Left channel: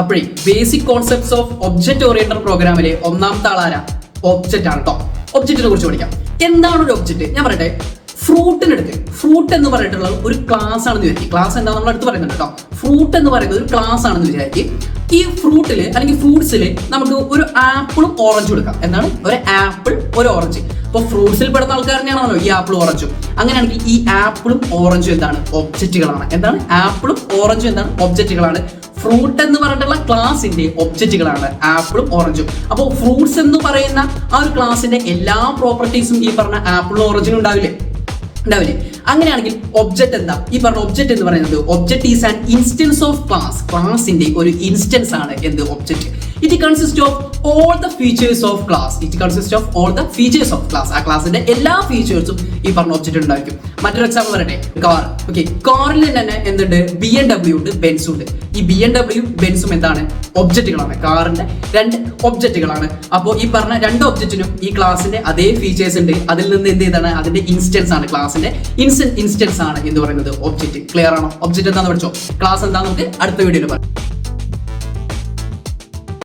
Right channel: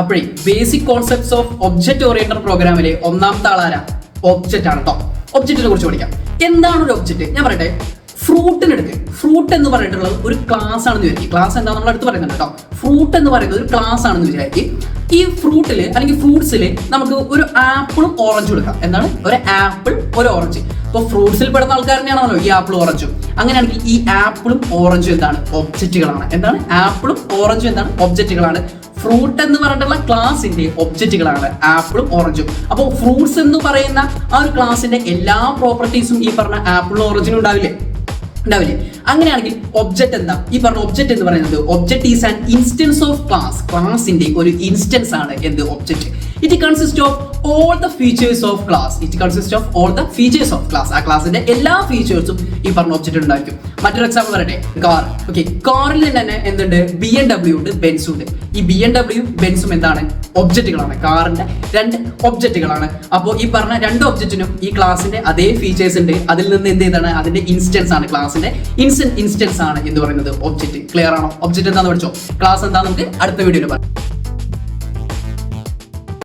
അപ്പോഴേ basic concepts of object oriented പ്രോഗ്രാമിലെ ഒന്നാമത്തെ ആളാരാ? ഒബ്ജക്റ്റ് ആണ് കേട്ടോ. ഒബ്ജക്റ്റിനെ കുറിച്ച് പഠിക്കാം. എന്താണ് ഒരു ഒബ്ജക്റ്റ്? ഞാൻ പറയട്ടെ, ഫ്രൂട്ടിന് എടുക്കുക. ഫ്രൂട്ട് എന്ന് പറഞ്ഞിട്ടുള്ളത് ഒരു ക്ലാസ് ആണെന്ന് വിചാരിക്കും. ക്ലാസ് എന്താ നമ്മൾ അടുത്ത് പറയുന്നത് കേട്ടോ. ഫ്രൂട്ട് എന്ന് പറയുന്നത് ഒരു ക്ലാസ് ആണെന്ന് വിചാരിക്കും. ഈ ഫ്രൂട്ടില് അല്ലെങ്കിൽ ഫ്രൂട്ട്സിൽ നമുക്ക് ഒരു ആപ്പിളും ഓറഞ്ചും എടുക്കാം. എന്താണ്? ഒരു ആപ്പിൾ, ഒരു ഓറഞ്ച്. ഇപ്പൊ ഫ്രൂട്ട്സിൽ പെടുന്ന ആൾക്കാരനെയാണല്ലോ ഈ ആപ്പിൾ ഓറഞ്ചും. അങ്ങനെയാണെങ്കിൽ ഈ ആപ്പിളും ഓറഞ്ചും എന്താണ്? ഒബ്ജക്റ്റുകളാണ്. എന്താണ്? ആപ്പിളും ഓറഞ്ചും എന്താണ്? ഒബ്ജക്റ്റുകളാണ്. ഫ്രൂട്ട് എന്ന് പറഞ്ഞിട്ടുള്ള ക്ലാസിന്റെ ഒബ്ജക്റ്റുകളാണ് ആപ്പിളും ഓറഞ്ചും. അപ്പോൾ ഫ്രൂട്ട്സ് എന്ന് പറയുന്ന ആ ഒരു ക്ലാസിന്റെ എല്ലാ പ്രോപ്പർട്ടീസും ഈ പറഞ്ഞ ആപ്പിളും ഓറഞ്ചിനും ഉണ്ടാവില്ലേ? ഉണ്ടാവില്ലേ? അങ്ങനെയാണെങ്കിൽ ഒബ്ജക്റ്റ് എന്താ? ഈ പറഞ്ഞ ഒബ്ജക്റ്റ് എന്ന് പറയുന്നത് object is an instance of class. ക്ലാസിന്റെ ഒരു ഇൻസ്റ്റൻസ് ആണ് എന്ത്? Object. It consist of all the features of class. It consist of all the features of class. ആ ക്ലാസിന്റെ എല്ലാ ഫീച്ചേഴ്സും ഈ പറഞ്ഞ ഒബ്ജക്റ്റ് ഉണ്ടായിരിക്കും. മറ്റൊരു എക്സാമ്പിൾ പറയട്ടെ, കാർ. ഓക്കെ, കാറിൽ തന്നെ എന്തുണ്ട്? BMW ഉണ്ട്, ബെൻസും ഉണ്ട്. ഈ BMW ബെൻസും എന്താണ്? ഒബ്ജക്റ്റുകളാണ്. കാറിന്റെ രണ്ട് ഒബ്ജക്റ്റുകളാണ്. അപ്പോൾ ഈ പറഞ്ഞ രണ്ട് ഒബ്ജക്റ്റിനും ഈ ക്ലാസിന്റെ അതേ ഫീച്ചേഴ്സ് ഉണ്ട്. അതിൽ നിന്ന് എന്ത് ചെയ്താണ്? അതിന്റെ ഇൻസ്റ്റൻസ് ആണ്. ക്ലാസിന്റെ ഇൻസ്റ്റൻസ് ആണ് എന്ന് പറയുന്നത് ഒബ്ജക്റ്റ്. ക്ലിയർ ആണോ? ഒബ്ജക്റ്റ് എന്താണെന്ന് പഠിച്ചോ. ക്ലാസ് എന്താണെന്ന് നമുക്ക് അടുത്ത വീഡിയോയിൽ പറയാം.